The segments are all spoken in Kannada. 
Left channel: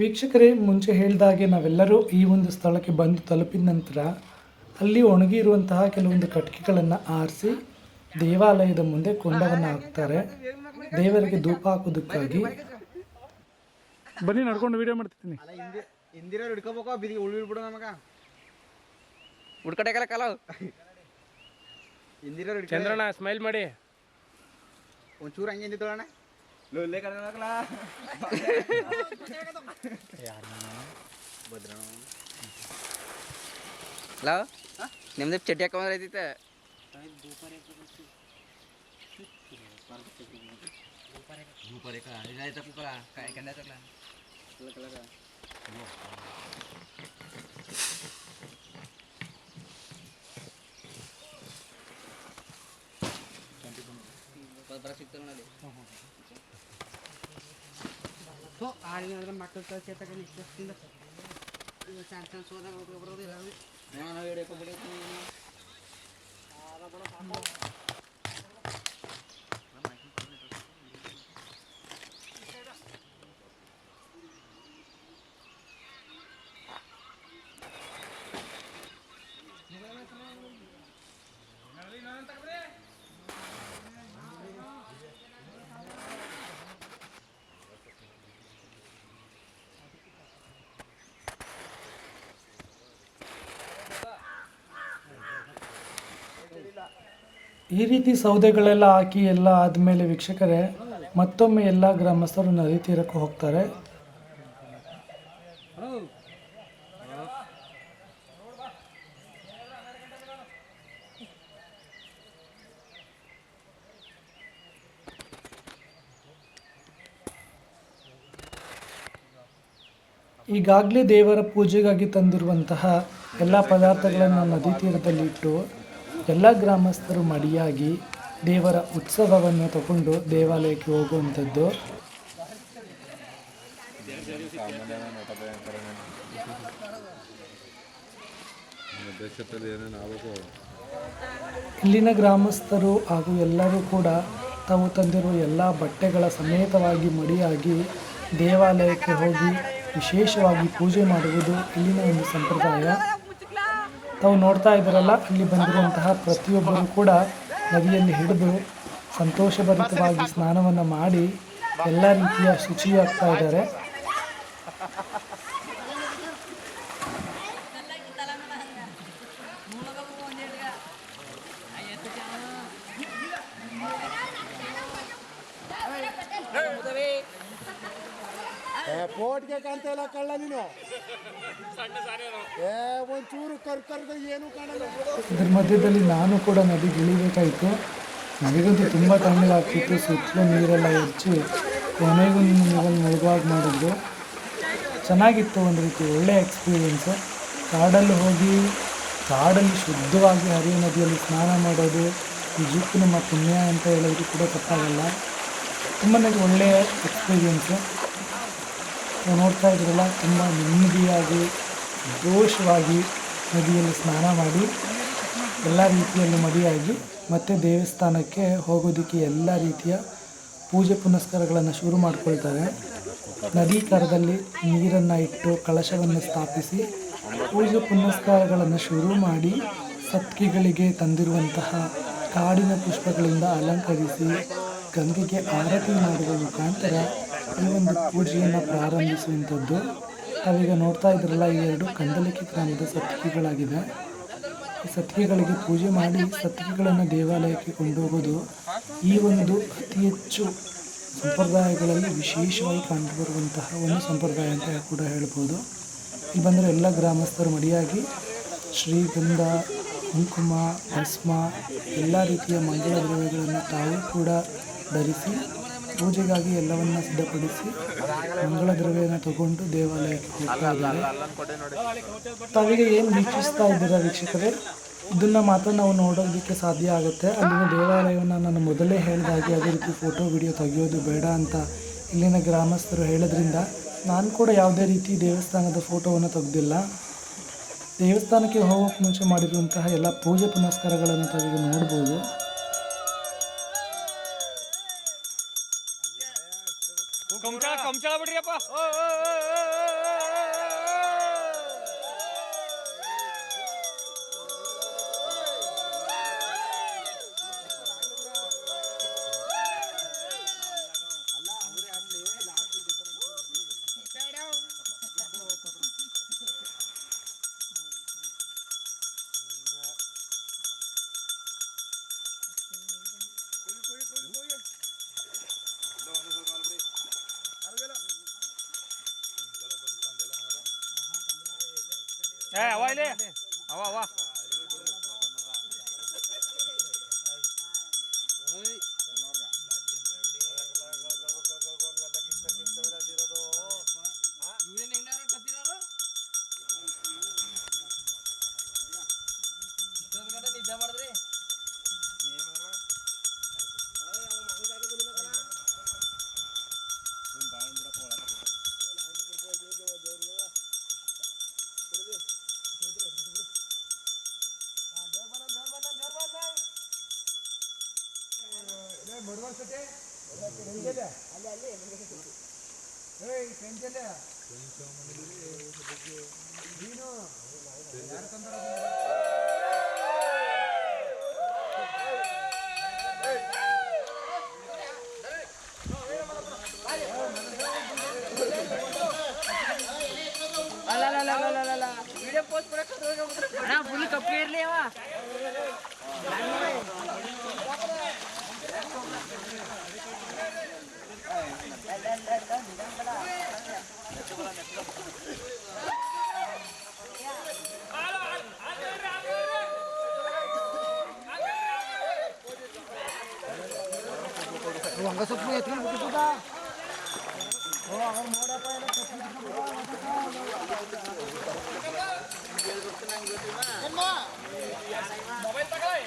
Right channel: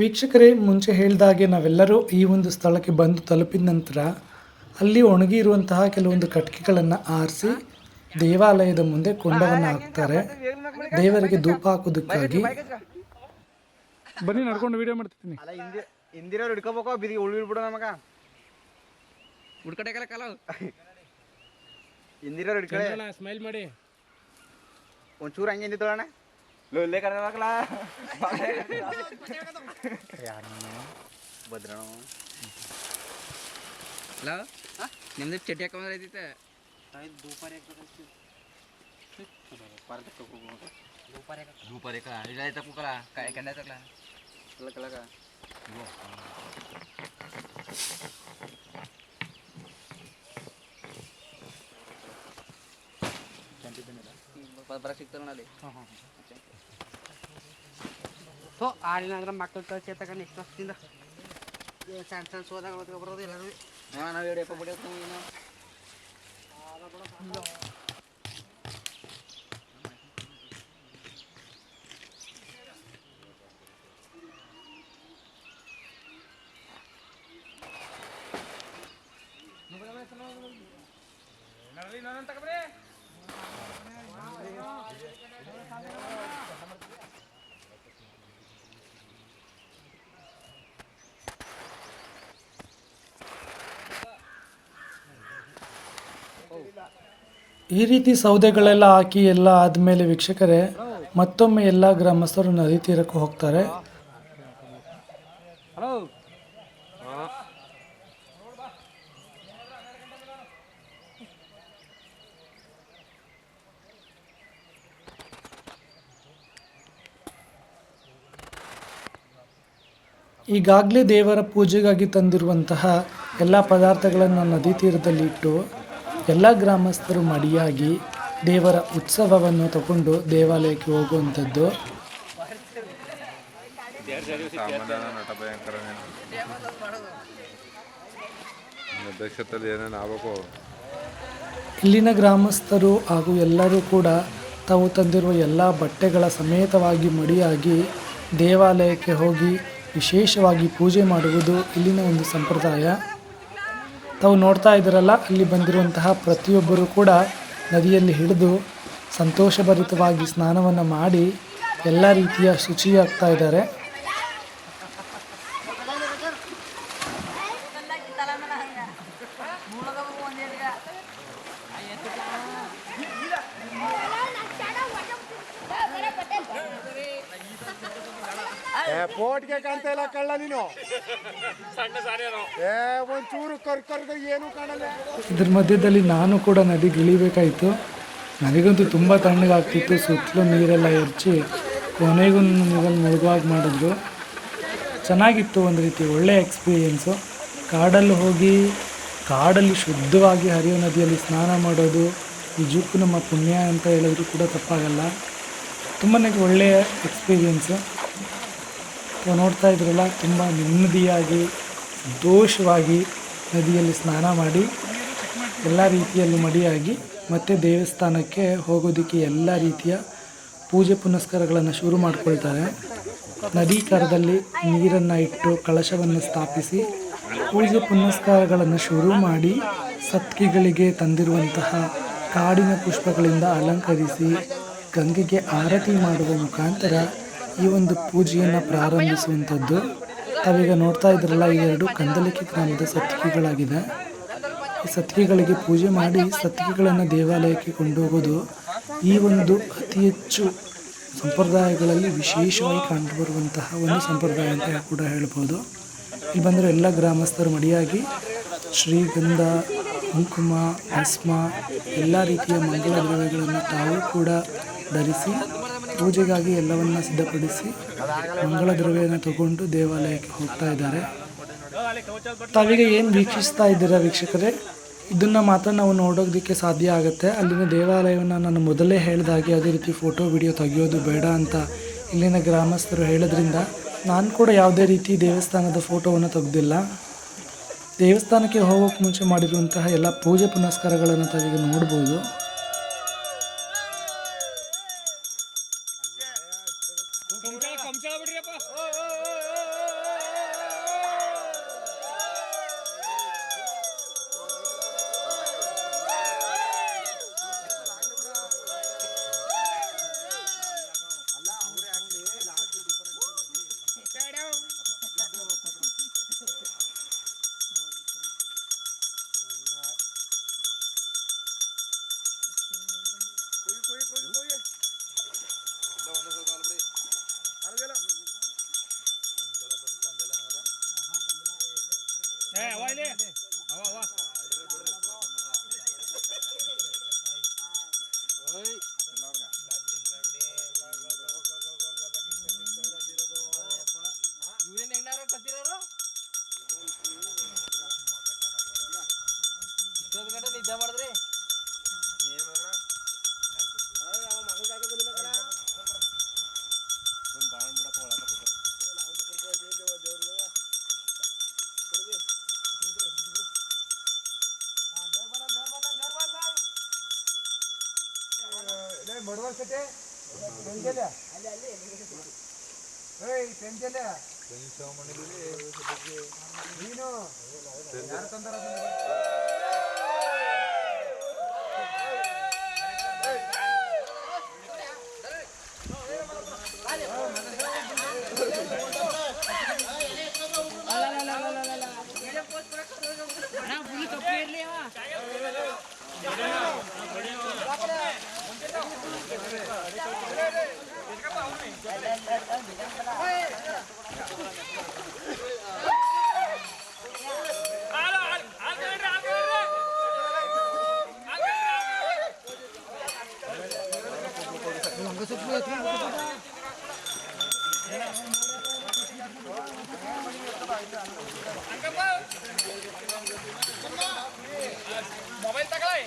ವೀಕ್ಷಕರೇ, ಮುಂಚೆ ಹೇಳಿದಾಗೆ ನಾವೆಲ್ಲರೂ ಈ ಒಂದು ಸ್ಥಳಕ್ಕೆ ಬಂದು ತಲುಪಿದ ನಂತರ ಅಲ್ಲಿ ಒಣಗಿರುವಂತಹ ಕೆಲವೊಂದು ಕಟ್ಟಿಗೆಗಳನ್ನು ಆರಿಸಿ ದೇವಾಲಯದ ಮುಂದೆ ಕೊಂಡವನ್ನು ಹಾಕ್ತಾರೆ ದೇವರಿಗೆ ಧೂಪ ಹಾಕೋದಕ್ಕಾಗಿ. ಬನ್ನಿ, ನಡ್ಕೊಂಡು ವಿಡಿಯೋ ಮಾಡ್ತಿದ್ದೀನಿ. ಹಿಂದಿರೋರು ಹಿಡ್ಕೋಬೇಕು, ಬಿಡಿ ಉಳ್ಬಿಡ್ಬಿಡು ನಮಗ ಹುಡ್ಕಟೆಕಲ್ಲ ಕಾಲ ಹಿಂದಿರೋರು ಹಿಡ್ಕೊಂಡ್ರಣ. ಸ್ಮೈಲ್ ಮಾಡಿ ಒಂಚೂರು ಹಂಗೆ ನಿಂತೋಣ. ಲೊಲ್ಲೆ ಕರ್ಕಲ್ಲ ಭದ್ರ ಹಲೋ, ನಿಮ್ದು ಚಟ್ಟಿ ಹಾಕೊಂಡ್ರೈತೆ ಧೂಪಾರಿ ಬರಕ್ ಸಿಗ್ತಲ್ಲ ಅಲ್ಲಿ. ಸೊ ಆಳಿನಾಗ್ರ ಮಕ್ಕಳು ಕಳ್ಸಿ ತಗೊಂಡು ಎಷ್ಟು ವರ್ಷದಿಂದ ಸಣ್ಣ ಸಣ್ಣ ಸೋದಾಗ ಬರೋದು ಎಲ್ಲರೂ ನಾವು ಹಿಡಿಯಪ್ಪ ಬಿಡೋದು ಏನು ಈ ರೀತಿ ಸೌದೆಗಳೆಲ್ಲ ಹಾಕಿ ಎಲ್ಲ ಆದಮೇಲೆ ವೀಕ್ಷಕರೇ ಮತ್ತೊಮ್ಮೆ ಎಲ್ಲ ಗ್ರಾಮಸ್ಥರು ನದಿ ತೀರಕ್ಕೆ ಹೋಗ್ತಾರೆ. ಈಗಾಗಲೇ ದೇವರ ಪೂಜೆಗಾಗಿ ತಂದಿರುವಂತಹ ಎಲ್ಲ ಪದಾರ್ಥಗಳನ್ನು ನದಿ ತೀರದಲ್ಲಿ ಇಟ್ಟು ಎಲ್ಲ ಗ್ರಾಮಸ್ಥರು ಮಡಿಯಾಗಿ ದೇವರ ಉತ್ಸವವನ್ನು ತಗೊಂಡು ದೇವಾಲಯಕ್ಕೆ ಹೋಗುವಂಥದ್ದು. ಇಲ್ಲಿನ ಗ್ರಾಮಸ್ಥರು ಹಾಗೂ ಎಲ್ಲರೂ ಕೂಡ ತಾವು ತಂದಿರುವ ಎಲ್ಲ ಬಟ್ಟೆಗಳ ಸಮೇತವಾಗಿ ಮಡಿಯಾಗಿ ದೇವಾಲಯಕ್ಕೆ ಹೋಗಿ ವಿಶೇಷವಾಗಿ ಪೂಜೆ ಮಾಡುವುದು ಇಲ್ಲಿನ ಒಂದು ಸಂಪ್ರದಾಯ. ತಾವು ನೋಡ್ತಾ ಇದ್ದೀರಲ್ಲ, ಅಲ್ಲಿ ಬಂದಿರುವಂತಹ ಪ್ರತಿಯೊಬ್ಬರು ಕೂಡ ನದಿಯಲ್ಲಿ ಹಿಡಿದು ಸಂತೋಷಭರಿತವಾಗಿ ಸ್ನಾನವನ್ನು ಮಾಡಿ ಎಲ್ಲ ರೀತಿಯ ಶುಚಿಯಾಗ್ತಾ ಇದ್ದಾರೆ. ಪೋಟ್ಗೆ ಕಾಣ್ತಾ ಇಲ್ಲ ಕಳ್ಳ ನೀನು, ಒಂಚೂರು ಕರ್ಕರ್ದು ಏನು ಕಾಣಲ್ಲ. ಇದ್ರ ಮಧ್ಯದಲ್ಲಿ ನಾನು ಕೂಡ ನದಿಗೆ ಇಳಿಬೇಕಾಯಿತು. ನನಗಂತೂ ತುಂಬ ತಣ್ಣಗಾಗ್ತಿತ್ತು. ಸುತ್ತಲೂ ನೀರೆಲ್ಲ ಹೆಚ್ಚಿ ಕೊನೆಗೂ ನೀರಲ್ಲಿ ಮುಳುಗುವಾಗ ಮಾಡಿದ್ರು. ಚೆನ್ನಾಗಿತ್ತು, ಒಂದು ರೀತಿ ಒಳ್ಳೆಯ ಎಕ್ಸ್ಪೀರಿಯೆನ್ಸು. ಕಾಡಲ್ಲಿ ಹೋಗಿ ಕಾಡಲ್ಲಿ ಶುದ್ಧವಾಗಿ ಹರಿಯೋ ನದಿಯಲ್ಲಿ ಸ್ನಾನ ಮಾಡೋದು ನಿಜಕ್ಕೂ ನಮ್ಮ ಪುಣ್ಯ ಅಂತ ಹೇಳಿದ್ರು ಕೂಡ ತಪ್ಪಾಗಲ್ಲ. ತುಂಬಾ ಒಳ್ಳೆಯ ಎಕ್ಸ್ಪೀರಿಯೆನ್ಸು. ನೋಡ್ತಾ ಇದ್ರಲ್ಲ, ತುಂಬ ನೆಮ್ಮದಿಯಾಗಿ ಸಂತೋಷವಾಗಿ ನದಿಯಲ್ಲಿ ಸ್ನಾನ ಮಾಡಿ ಎಲ್ಲ ರೀತಿಯಲ್ಲೂ ಮಡಿಯಾಗಿ ಮತ್ತೆ ದೇವಸ್ಥಾನಕ್ಕೆ ಹೋಗೋದಕ್ಕೆ ಎಲ್ಲ ರೀತಿಯ ಪೂಜೆ ಪುನಸ್ಕಾರಗಳನ್ನು ಶುರು ಮಾಡಿಕೊಳ್ತಾರೆ. ನದಿ ಕರದಲ್ಲಿ ನೀರನ್ನು ಇಟ್ಟು ಕಳಶವನ್ನು ಸ್ಥಾಪಿಸಿ ಪೂಜೆ ಪುನಸ್ಕಾರಗಳನ್ನು ಶುರು ಮಾಡಿ ಸತ್ಕಿಗಳಿಗೆ ತಂದಿರುವಂತಹ ಕಾಡಿನ ಪುಷ್ಪಗಳಿಂದ ಅಲಂಕರಿಸಿ ಗಂಗೆಗೆ ಆರತಿ ಮಾಡುವ ಮುಖಾಂತರ ಈ ಒಂದು ಪೂಜೆಯನ್ನು ಪ್ರಾರಂಭಿಸುವಂಥದ್ದು. ತಾವೀಗ ನೋಡ್ತಾ ಇದ್ರಲ್ಲ, ಈ ಎರಡು ಕಂದಲಿಕೆ ಗ್ರಾಮದ ಸತ್ತಿಗೆಗಳಾಗಿದೆ. ಈ ಸತ್ತಿಗೆಗಳಿಗೆ ಪೂಜೆ ಮಾಡಿ ಸತ್ತಿಗೆಗಳನ್ನು ದೇವಾಲಯಕ್ಕೆ ಕೊಂಡೋಗೋದು ಈ ಒಂದು ಅತಿ ಹೆಚ್ಚು ಸಂಪ್ರದಾಯಗಳಲ್ಲಿ ವಿಶೇಷವಾಗಿ ಕಂಡುಬರುವಂತಹ ಒಂದು ಸಂಪ್ರದಾಯ ಅಂತ ಕೂಡ ಹೇಳ್ಬೋದು. ಇಲ್ಲಿ ಬಂದರೆ ಎಲ್ಲ ಗ್ರಾಮಸ್ಥರು ಮಡಿಯಾಗಿ ಶ್ರೀಗಂಧ, ಕುಂಕುಮ, ಭಸ್ಮ ಎಲ್ಲ ರೀತಿಯ ಮಂಗಳ ದ್ರವ್ಯಗಳನ್ನು ತಾವು ಕೂಡ ಧರಿಸಿ ಪೂಜೆಗಾಗಿ ಎಲ್ಲವನ್ನ ಸಿದ್ಧಪಡಿಸಿ ಮಂಗಳ ದ್ರವ್ಯನ ತಗೊಂಡು ದೇವಾಲಯಕ್ಕೆ ಹೋಗ್ತಾ ಇದ್ದಾರೆ. ತಾವೀಗ ಏನು ವೀಕ್ಷಿಸ್ತಾ ಇದ್ದೀರಾ ವೀಕ್ಷಕರೇ, ಇದನ್ನು ಮಾತ್ರ ನಾವು ನೋಡೋದಕ್ಕೆ ಸಾಧ್ಯ ಆಗುತ್ತೆ. ಅಲ್ಲಿನ ದೇವಾಲಯವನ್ನು ನಾನು ಮೊದಲೇ ಹೇಳಿದಾಗೆ ಅದೇ ರೀತಿ ಫೋಟೋ ವಿಡಿಯೋ ತೆಗೆಯೋದು ಬೇಡ ಅಂತ ಇಲ್ಲಿನ ಗ್ರಾಮಸ್ಥರು ಹೇಳೋದ್ರಿಂದ ನಾನು ಕೂಡ ಯಾವುದೇ ರೀತಿ ದೇವಸ್ಥಾನದ ಫೋಟೋವನ್ನು ತೆಗೆದಿಲ್ಲ. ದೇವಸ್ಥಾನಕ್ಕೆ ಹೋಗೋಕ್ಕೆ ಮುಂಚೆ ಮಾಡಿರುವಂತಹ ಎಲ್ಲ ಪೂಜೆ ಪುನಸ್ಕಾರಗಳನ್ನು ತಾವೀಗ ನೋಡ್ಬೋದು. ಕಂಚಾಳ ಬಿಡ್ರಿಯಪ್ಪ. ಅವ ಇಲ್ಲಿ ಅವ ನಿದ್ದೆ ಮಾಡಿದ್ರಿ ಫುಲ್ ಕಪ್ಪಿ ಇರ್ಲಿ ಅವ ಮೊಬೈಲ್ ತಗೊಳ್ಳಿ.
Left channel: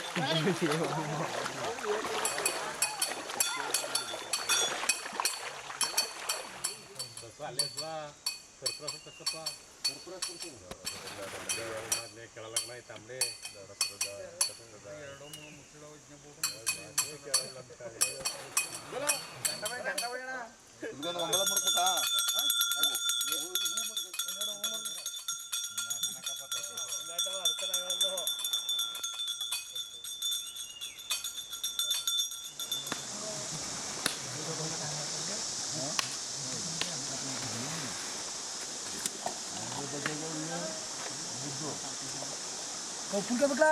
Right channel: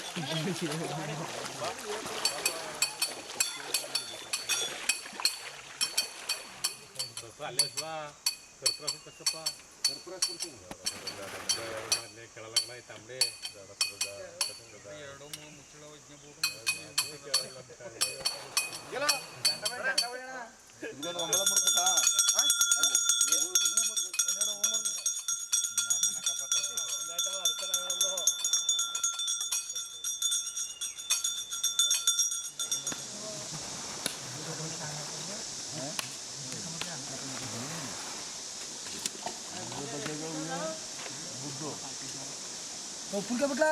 ಅಲ್ಲೇ ಕರ್ಪೂರ ತಕ್ಕಪ್ಪ ಮೊದಲೇ ಕೇಳಲಕ್ಕಣ ಐತಂಬಡಿ ಎರಡು ಮುಚ್ಚಳ ಉಪ್ಪಿನಕಾಯಿ ಬಿಟ್ಲಾ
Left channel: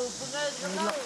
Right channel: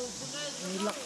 ಉಪ್ಪಿನಕಾಯಿ